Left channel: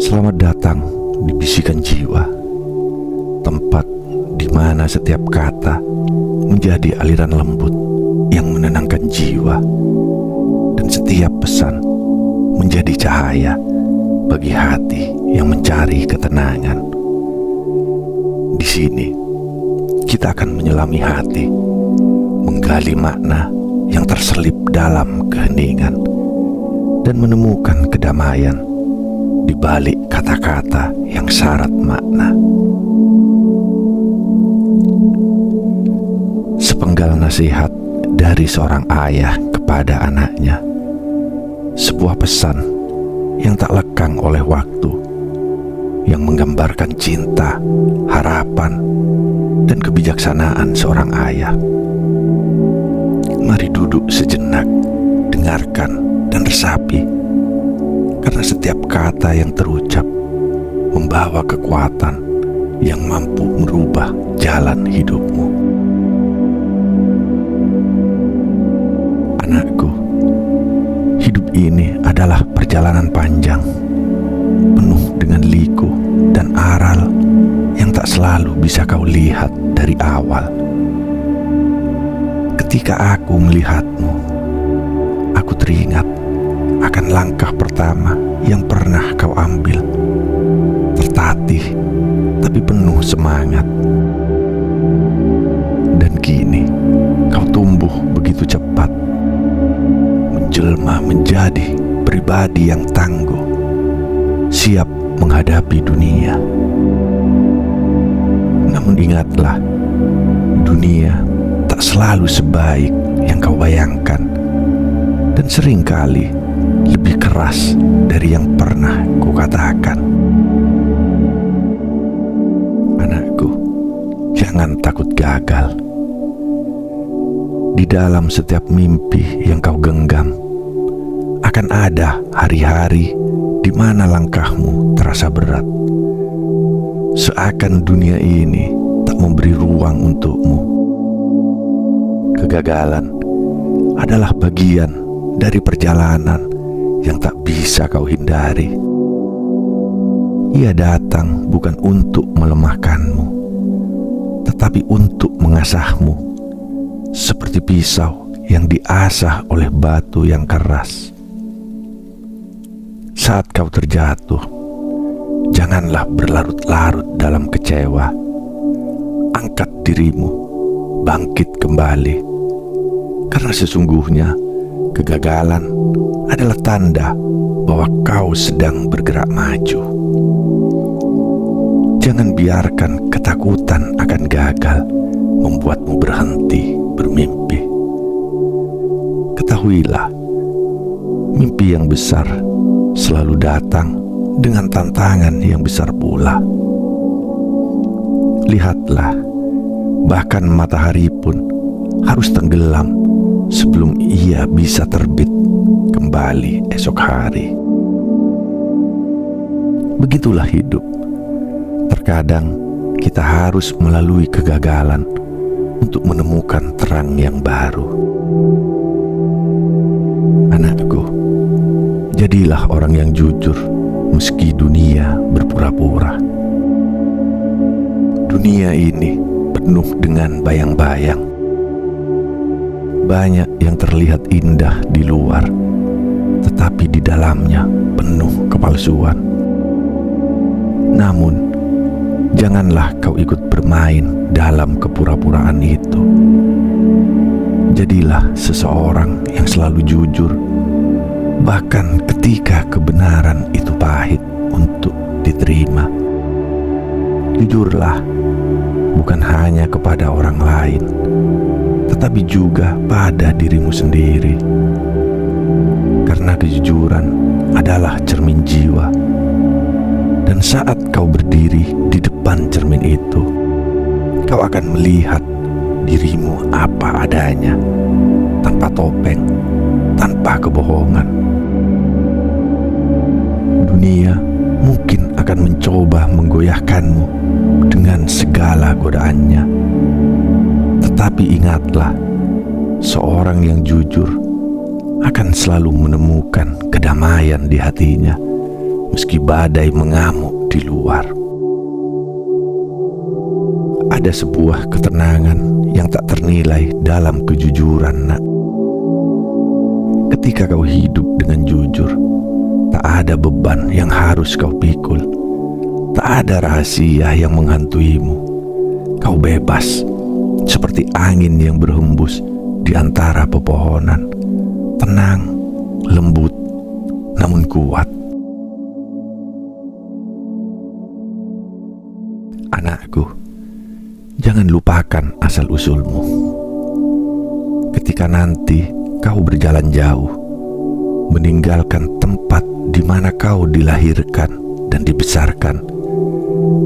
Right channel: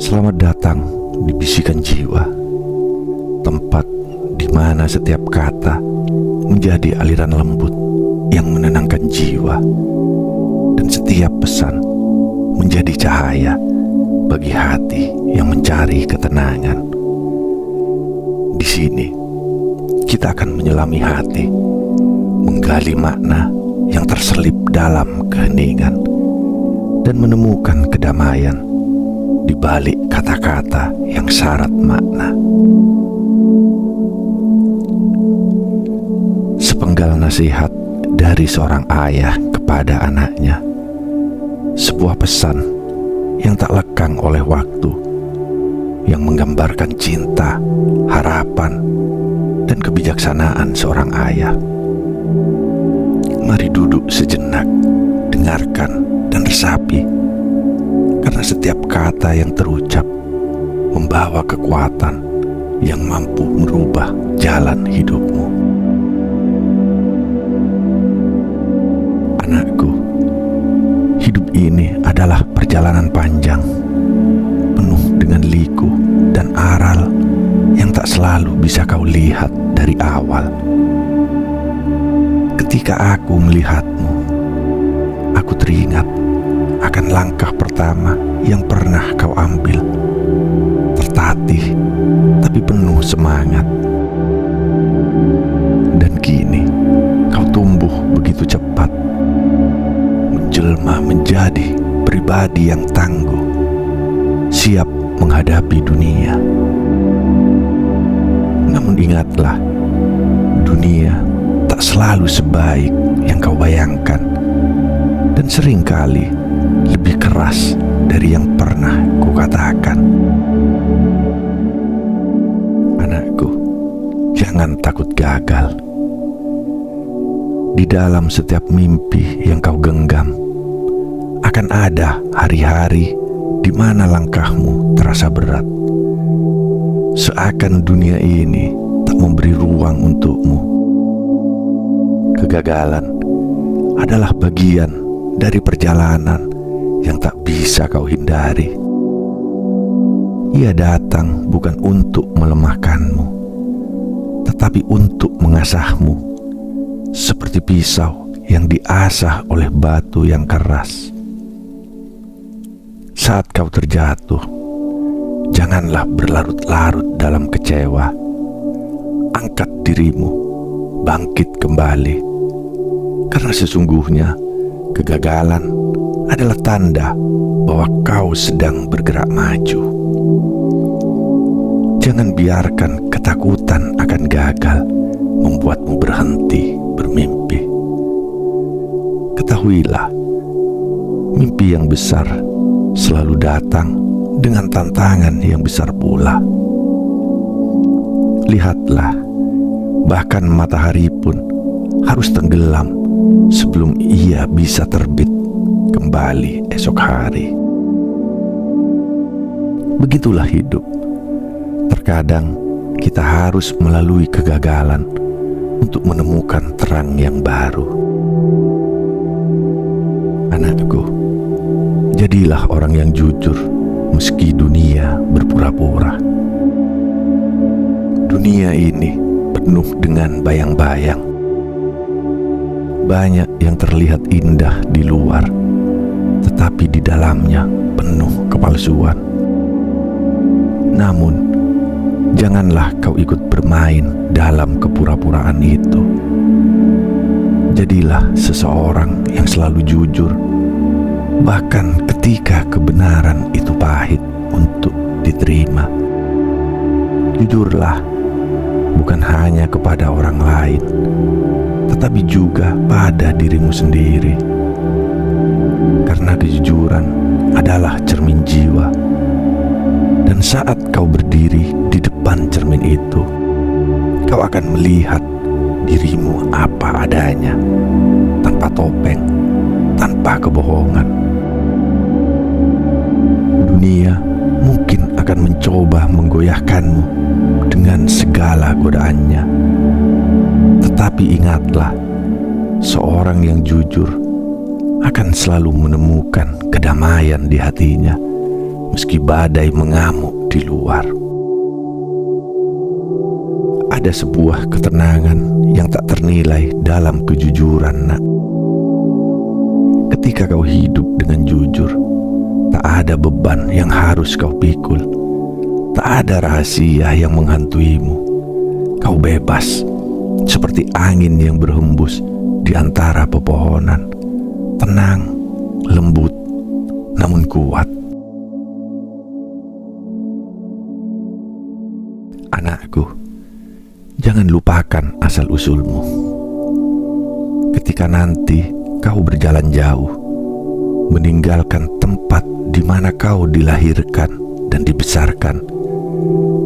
Selamat datang di Bisikan Jiwa, tempat di mana setiap kata menjadi aliran lembut yang menenangkan jiwa, dan setiap pesan menjadi cahaya bagi hati yang mencari ketenangan. Di sini kita akan menyelami hati, menggali makna yang terselip dalam keheningan, dan menemukan kedamaian di balik kata-kata yang syarat makna. Sepenggal nasihat dari seorang ayah kepada anaknya, sebuah pesan yang tak lekang oleh waktu, yang menggambarkan cinta, harapan, dan kebijaksanaan seorang ayah. Mari duduk sejenak, dengarkan dan resapi, karena setiap kata yang terucap membawa kekuatan yang mampu merubah jalan hidupmu. Anakku, hidup ini adalah perjalanan panjang, penuh dengan liku dan aral yang tak selalu bisa kau lihat dari awal. Ketika aku melihatmu, aku teringat akan langkah pertama yang pernah kau ambil, tertatih tapi penuh semangat. Dan kini kau tumbuh begitu cepat, menjelma menjadi pribadi yang tangguh, siap menghadapi dunia. Namun ingatlah, dunia tak selalu sebaik yang kau bayangkan, dan seringkali lebih keras dari yang pernah kukatakan. Anakku, jangan takut gagal. Di dalam setiap mimpi yang kau genggam, akan ada hari-hari di mana langkahmu terasa berat, seakan dunia ini tak memberi ruang untukmu. Kegagalan adalah bagian dari perjalanan yang tak bisa kau hindari. Ia datang bukan untuk melemahkanmu, tetapi untuk mengasahmu, seperti pisau yang diasah oleh batu yang keras. Saat kau terjatuh, janganlah berlarut-larut dalam kecewa. Angkat dirimu, bangkit kembali, karena sesungguhnya kegagalan adalah tanda bahwa kau sedang bergerak maju. Jangan biarkan ketakutan akan gagal membuatmu berhenti bermimpi. Ketahuilah, mimpi yang besar selalu datang dengan tantangan yang besar pula. Lihatlah, bahkan matahari pun harus tenggelam sebelum ia bisa terbit kembali esok hari. Begitulah hidup. Terkadang kita harus melalui kegagalan untuk menemukan terang yang baru. Anakku, jadilah orang yang jujur meski dunia berpura-pura. Dunia ini penuh dengan bayang-bayang. Banyak yang terlihat indah di luar, tetapi di dalamnya penuh kepalsuan. Namun, janganlah kau ikut bermain dalam kepura-puraan itu. Jadilah seseorang yang selalu jujur, bahkan ketika kebenaran itu pahit untuk diterima. Jujurlah, bukan hanya kepada orang lain, tetapi juga pada dirimu sendiri. Karena kejujuran adalah cermin jiwa. Dan saat kau berdiri di depan cermin itu, kau akan melihat dirimu apa adanya, tanpa topeng, tanpa kebohongan. Dunia mungkin akan mencoba menggoyahkanmu dengan segala godaannya. Tetapi ingatlah, seorang yang jujur akan selalu menemukan kedamaian di hatinya, meski badai mengamuk di luar. Ada sebuah ketenangan yang tak ternilai dalam kejujuran, nak. Ketika kau hidup dengan jujur, tak ada beban yang harus kau pikul. Tak ada rahasia yang menghantuimu. Kau bebas, seperti angin yang berhembus di antara pepohonan. Tenang, lembut, namun kuat. Anakku, jangan lupakan asal-usulmu. Ketika nanti kau berjalan jauh, meninggalkan tempat di mana kau dilahirkan dan dibesarkan,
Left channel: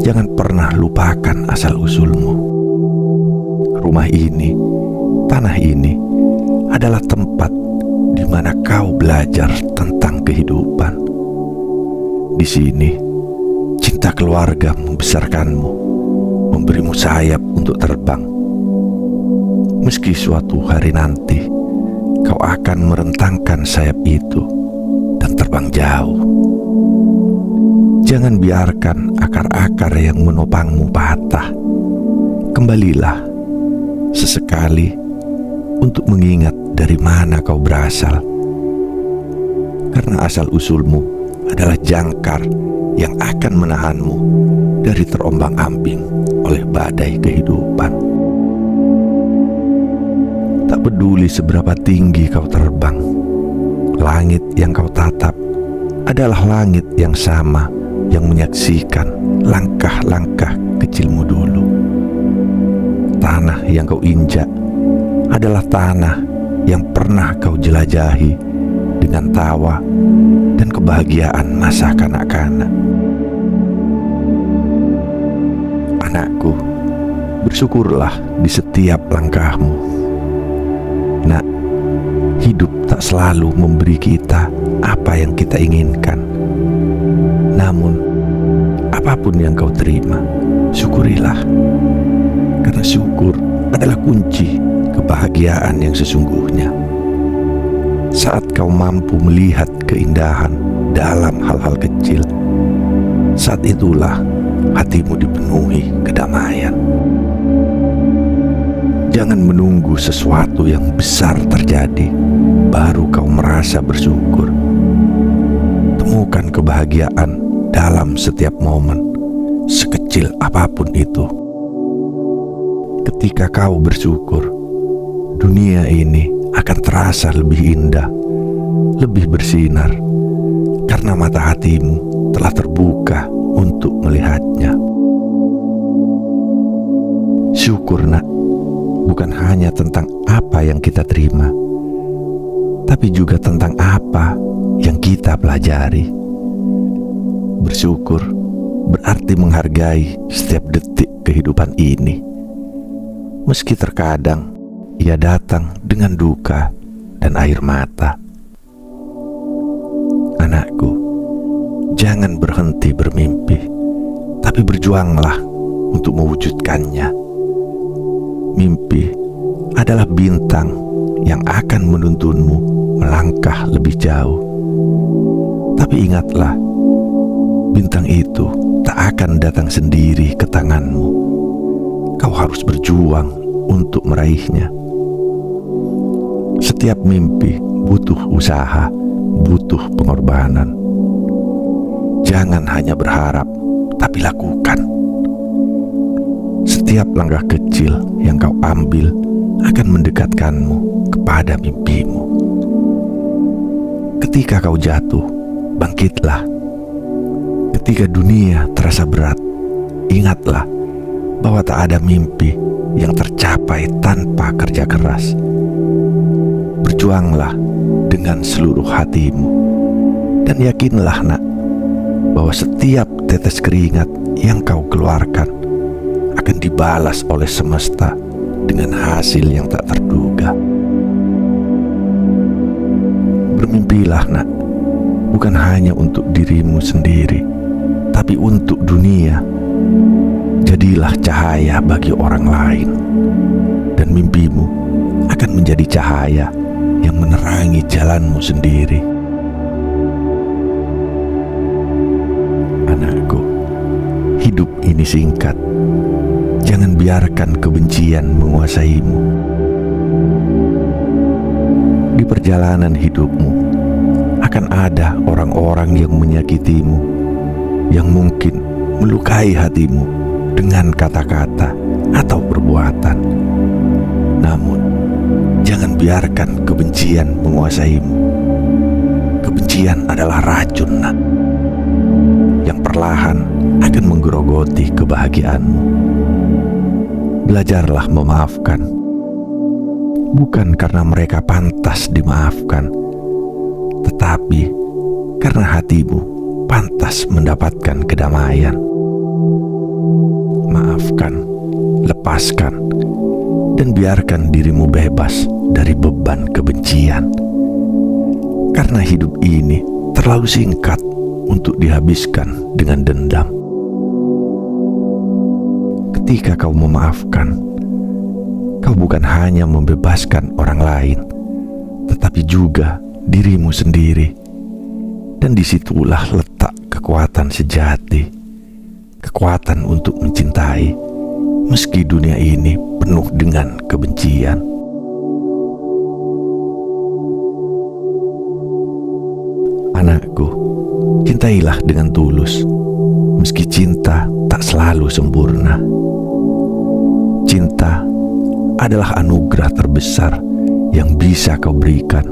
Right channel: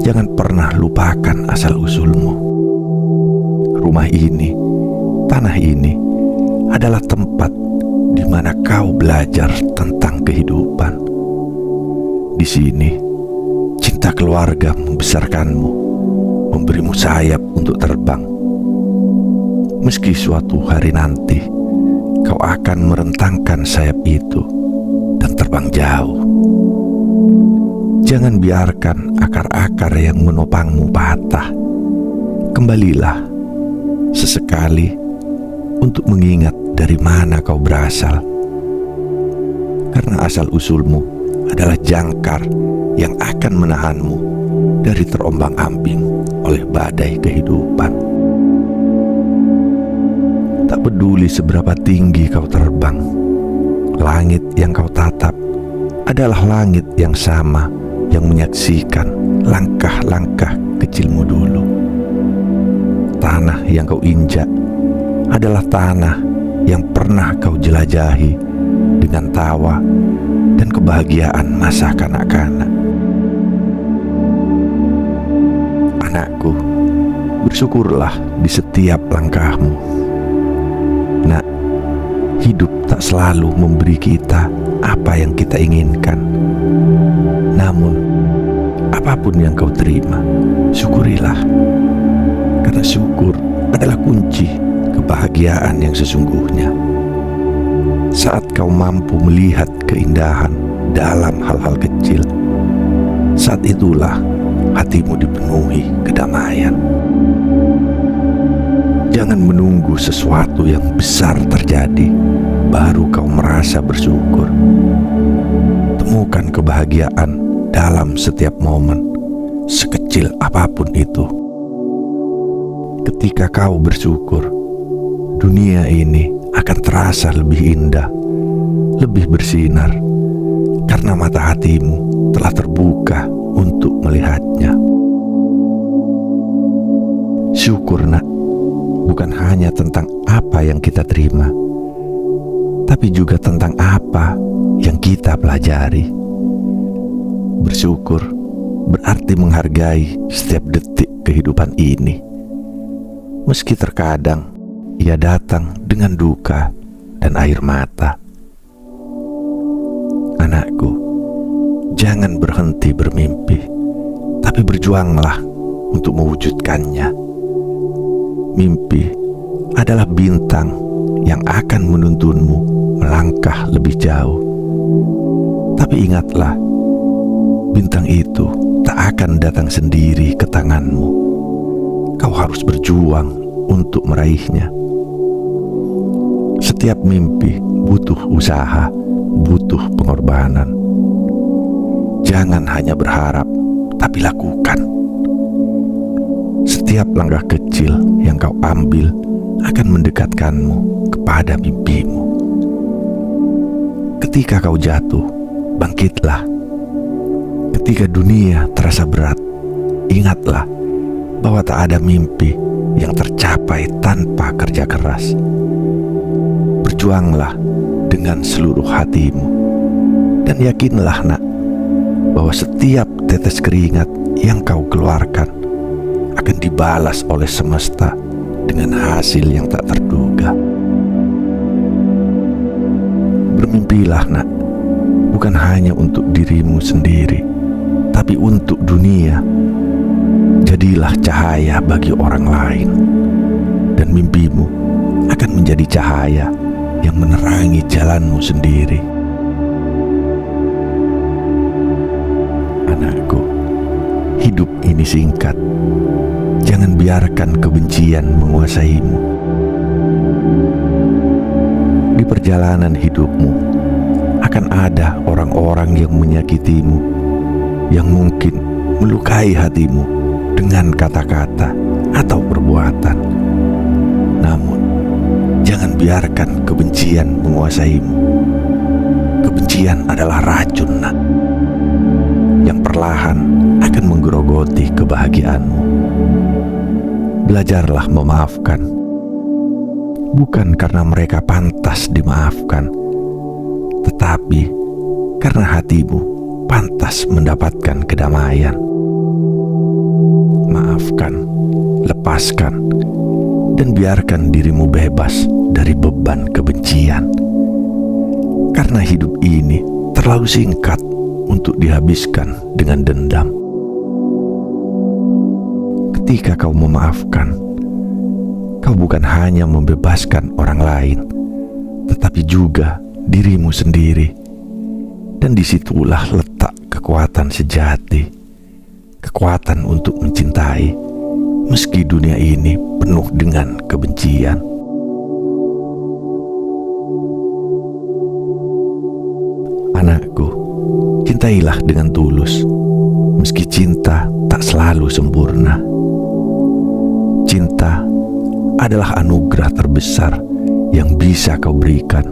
jangan pernah lupakan asal-usulmu. Rumah ini, tanah ini, adalah tempat di mana kau belajar tentang kehidupan. Di sini, cinta keluarga membesarkanmu, memberimu sayap untuk terbang. Meski suatu hari nanti kau akan merentangkan sayap itu dan terbang jauh, jangan biarkan akar-akar yang menopangmu patah. Kembalilah sesekali untuk mengingat dari mana kau berasal, karena asal-usulmu adalah jangkar yang akan menahanmu dari terombang-ambing oleh badai kehidupan. Tak peduli seberapa tinggi kau terbang, langit yang kau tatap adalah langit yang sama yang menyaksikan langkah-langkah kecilmu dulu. Tanah yang kau injak adalah tanah yang pernah kau jelajahi dengan tawa dan kebahagiaan masa kanak-kanak. Anakku, bersyukurlah di setiap langkahmu. Nak, hidup tak selalu memberi kita apa yang kita inginkan. Namun, apapun yang kau terima, syukurilah. Karena syukur adalah kunci kebahagiaan yang sesungguhnya. Saat kau mampu melihat keindahan dalam hal-hal kecil, saat itulah hatimu dipenuhi kedamaian. Jangan menunggu sesuatu yang besar terjadi baru kau merasa bersyukur. Temukan kebahagiaan dalam setiap momen, sekecil apapun itu. Ketika kau bersyukur, dunia ini akan terasa lebih indah, lebih bersinar, karena mata hatimu telah terbuka untuk melihatnya. Syukur, nak, bukan hanya tentang apa yang kita terima, tapi juga tentang apa yang kita pelajari. Bersyukur berarti menghargai setiap detik kehidupan ini, meski terkadang ia datang dengan duka dan air mata. Anakku, jangan berhenti bermimpi, tapi berjuanglah untuk mewujudkannya. Mimpi adalah bintang yang akan menuntunmu melangkah lebih jauh. Tapi ingatlah, bintang itu tak akan datang sendiri ke tanganmu. Kau harus berjuang untuk meraihnya. Setiap mimpi butuh usaha, butuh pengorbanan. Jangan hanya berharap, tapi lakukan. Setiap langkah kecil yang kau ambil akan mendekatkanmu kepada mimpimu. Ketika kau jatuh, bangkitlah. Ketika dunia terasa berat, ingatlah bahwa tak ada mimpi yang tercapai tanpa kerja keras. Berjuanglah dengan seluruh hatimu, dan yakinlah, nak, bahwa setiap tetes keringat yang kau keluarkan akan dibalas oleh semesta dengan hasil yang tak terduga. Bermimpilah, nak, bukan hanya untuk dirimu sendiri, tapi untuk dunia. Jadilah cahaya bagi orang lain, dan mimpimu akan menjadi cahaya yang menerangi jalanmu sendiri. Anakku, hidup ini singkat. Jangan biarkan kebencian menguasaimu. Di perjalanan hidupmu akan ada orang-orang yang menyakitimu, yang mungkin melukai hatimu dengan kata-kata atau perbuatan. Namun, jangan biarkan kebencian menguasaimu. Kebencian adalah racun, nak, yang perlahan akan menggerogoti kebahagiaanmu. Belajarlah memaafkan, bukan karena mereka pantas dimaafkan, tetapi karena hatimu pantas mendapatkan kedamaian. Maafkan, lepaskan, dan biarkan dirimu bebas dari beban kebencian. Karena hidup ini terlalu singkat untuk dihabiskan dengan dendam. Ketika kau memaafkan, kau bukan hanya membebaskan orang lain, tetapi juga dirimu sendiri. Dan disitulah letak kekuatan sejati, kekuatan untuk mencintai, meski dunia ini penuh dengan kebencian. Anakku, cintailah dengan tulus, meski cinta tak selalu sempurna. Cinta adalah anugerah terbesar yang bisa kau berikan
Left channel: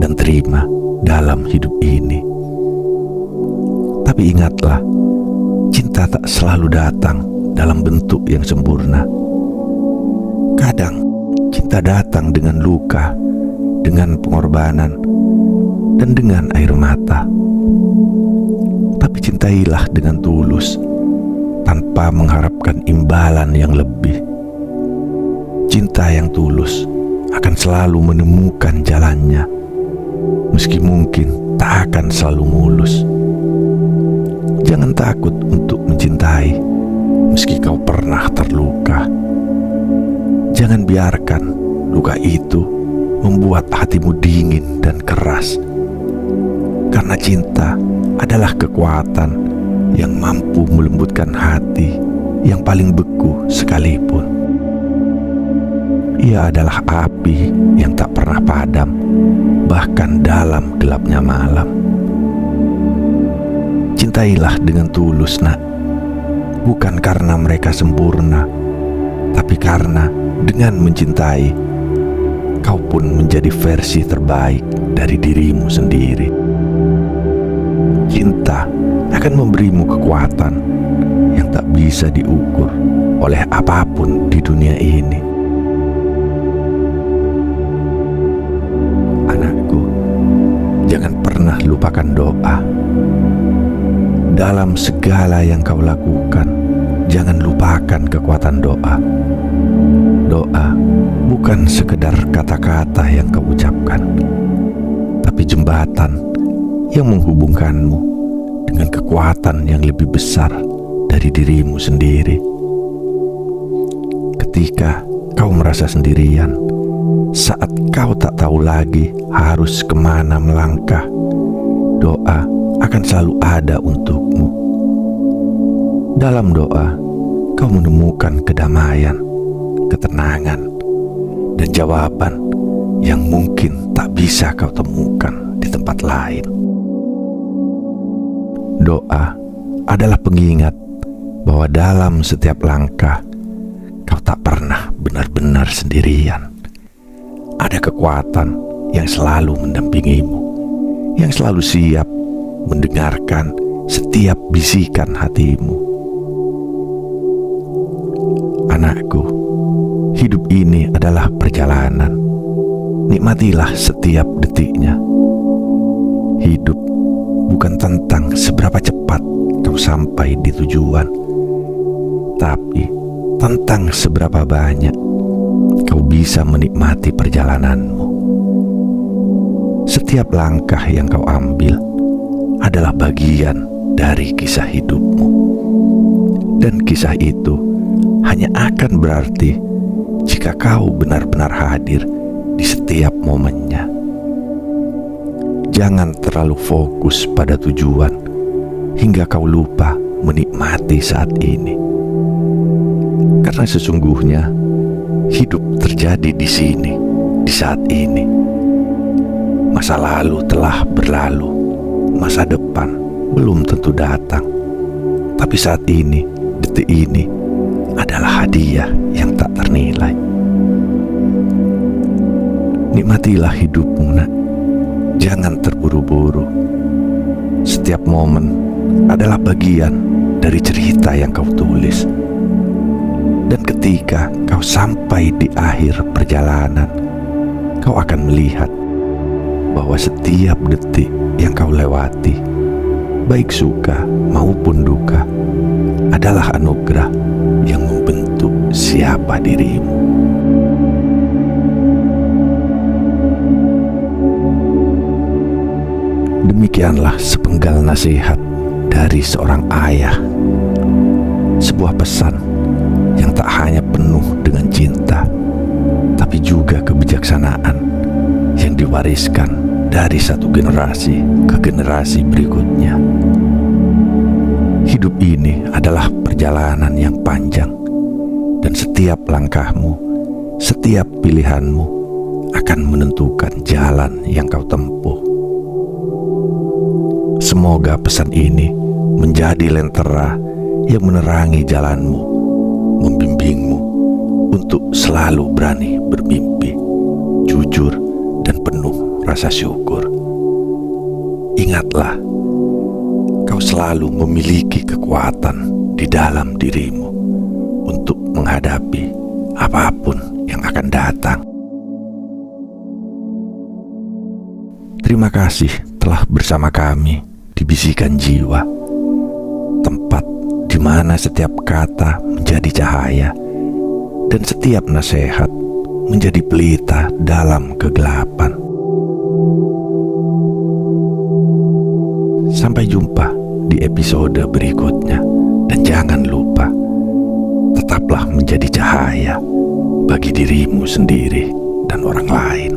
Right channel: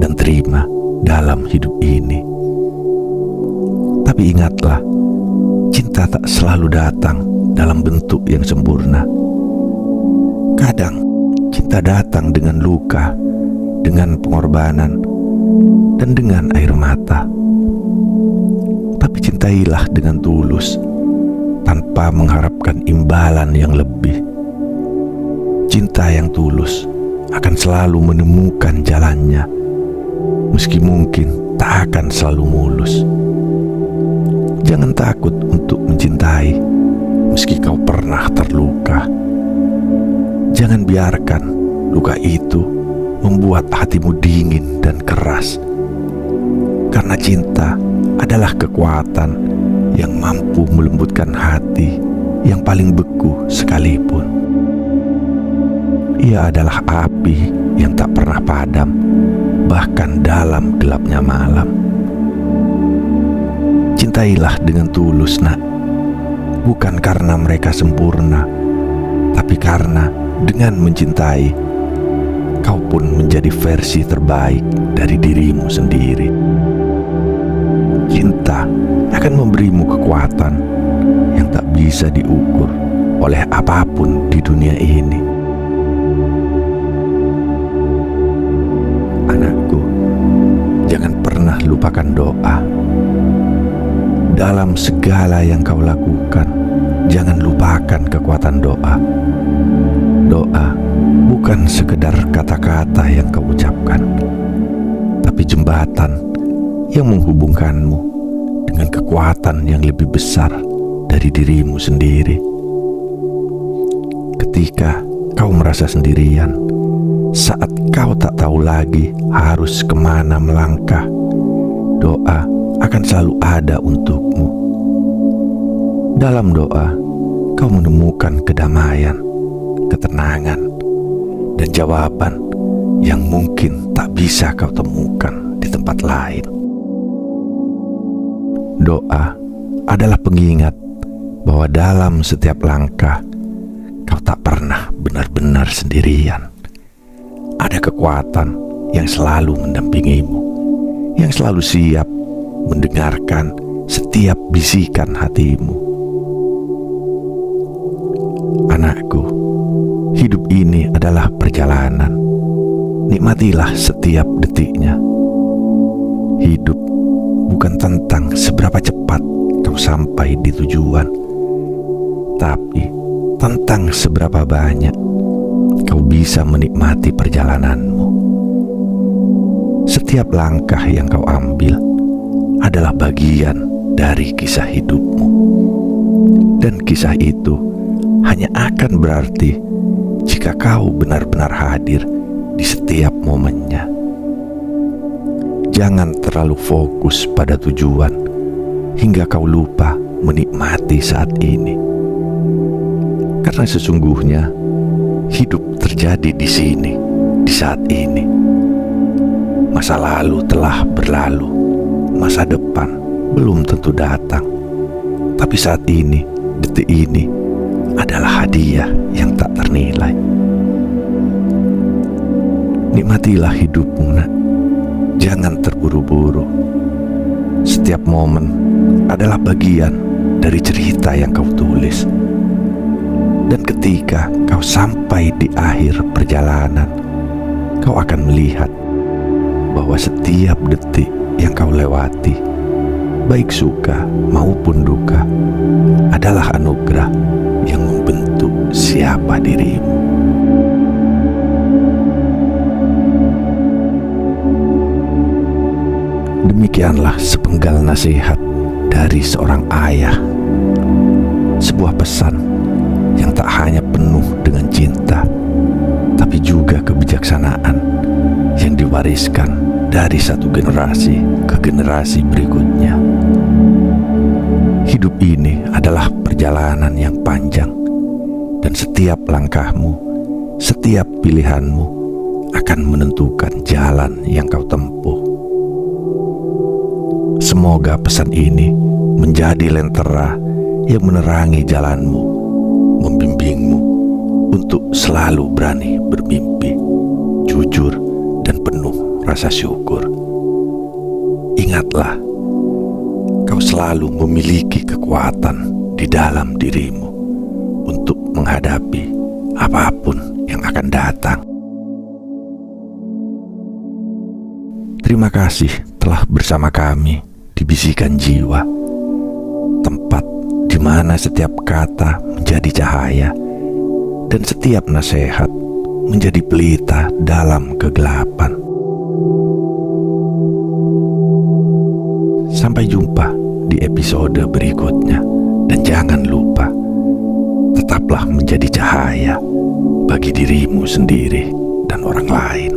dan terima dalam hidup ini. Tapi ingatlah, cinta tak selalu datang dalam bentuk yang sempurna. Kadang cinta datang dengan luka, dengan pengorbanan, dan dengan air mata. Tapi cintailah dengan tulus, tanpa mengharapkan imbalan yang lebih. Cinta yang tulus akan selalu menemukan jalannya, meski mungkin tak akan selalu mulus. Jangan takut untuk mencintai, meski kau pernah terluka. Jangan biarkan luka itu membuat hatimu dingin dan keras. Karena cinta adalah kekuatan yang mampu melembutkan hati yang paling beku sekalipun. Ia adalah api yang tak pernah padam, bahkan dalam gelapnya malam. Cintailah dengan tulus, nak, bukan karena mereka sempurna, tapi karena dengan mencintai, kau pun menjadi versi terbaik dari dirimu sendiri. Cinta akan memberimu kekuatan yang tak bisa diukur oleh apapun di dunia ini. Anakku, jangan pernah lupakan doa. Dalam segala yang kau lakukan, jangan lupakan kekuatan doa. Doa bukan sekedar kata-kata yang kau ucapkan, tapi jembatan yang menghubungkanmu dengan kekuatan yang lebih besar dari dirimu sendiri. Ketika kau merasa sendirian, saat kau tak tahu lagi harus kemana melangkah, doa akan selalu ada untukmu. Dalam doa, kau menemukan kedamaian, ketenangan, dan jawaban yang mungkin tak bisa kau temukan di tempat lain. Doa adalah pengingat bahwa dalam setiap langkah, kau tak pernah benar-benar sendirian. Ada kekuatan yang selalu mendampingimu, yang selalu siap mendengarkan setiap bisikan hatimu. Anakku, hidup ini adalah perjalanan. Nikmatilah setiap detiknya. Hidup bukan tentang seberapa cepat kau sampai di tujuan, tapi tentang seberapa banyak kau bisa menikmati perjalananmu. Setiap langkah yang kau ambil adalah bagian dari kisah hidupmu. Dan kisah itu hanya akan berarti jika kau benar-benar hadir di setiap momennya. Jangan terlalu fokus pada tujuan hingga kau lupa menikmati saat ini. Karena sesungguhnya hidup terjadi di sini, di saat ini. Masa lalu telah berlalu, masa depan belum tentu datang. Tapi saat ini, detik ini adalah hadiah yang tak ternilai. Nikmatilah hidupmu, nak. Jangan terburu-buru. Setiap momen adalah bagian dari cerita yang kau tulis. Dan ketika kau sampai di akhir perjalanan, kau akan melihat bahwa setiap detik yang kau lewati, baik suka maupun duka, adalah anugerah yang membentuk siapa dirimu. Demikianlah sepenggal nasihat dari seorang ayah. Sebuah pesan yang tak hanya penuh dengan cinta, tapi juga kebijaksanaan yang diwariskan dari satu generasi ke generasi berikutnya. Hidup ini adalah perjalanan yang panjang, dan setiap langkahmu, setiap pilihanmu akan menentukan jalan yang kau tempuh. Semoga pesan ini menjadi lentera yang menerangi jalanmu, membimbingmu untuk selalu berani bermimpi, jujur dan penuh rasa syukur. Ingatlah, kau selalu memiliki kekuatan di dalam dirimu untuk menghadapi apapun yang akan datang. Terima kasih telah bersama kami di Bisikan Jiwa, tempat di mana setiap kata menjadi cahaya dan setiap nasihat menjadi pelita dalam kegelapan. Sampai jumpa di episode berikutnya, dan jangan lupa, tetaplah menjadi cahaya bagi dirimu sendiri dan orang lain.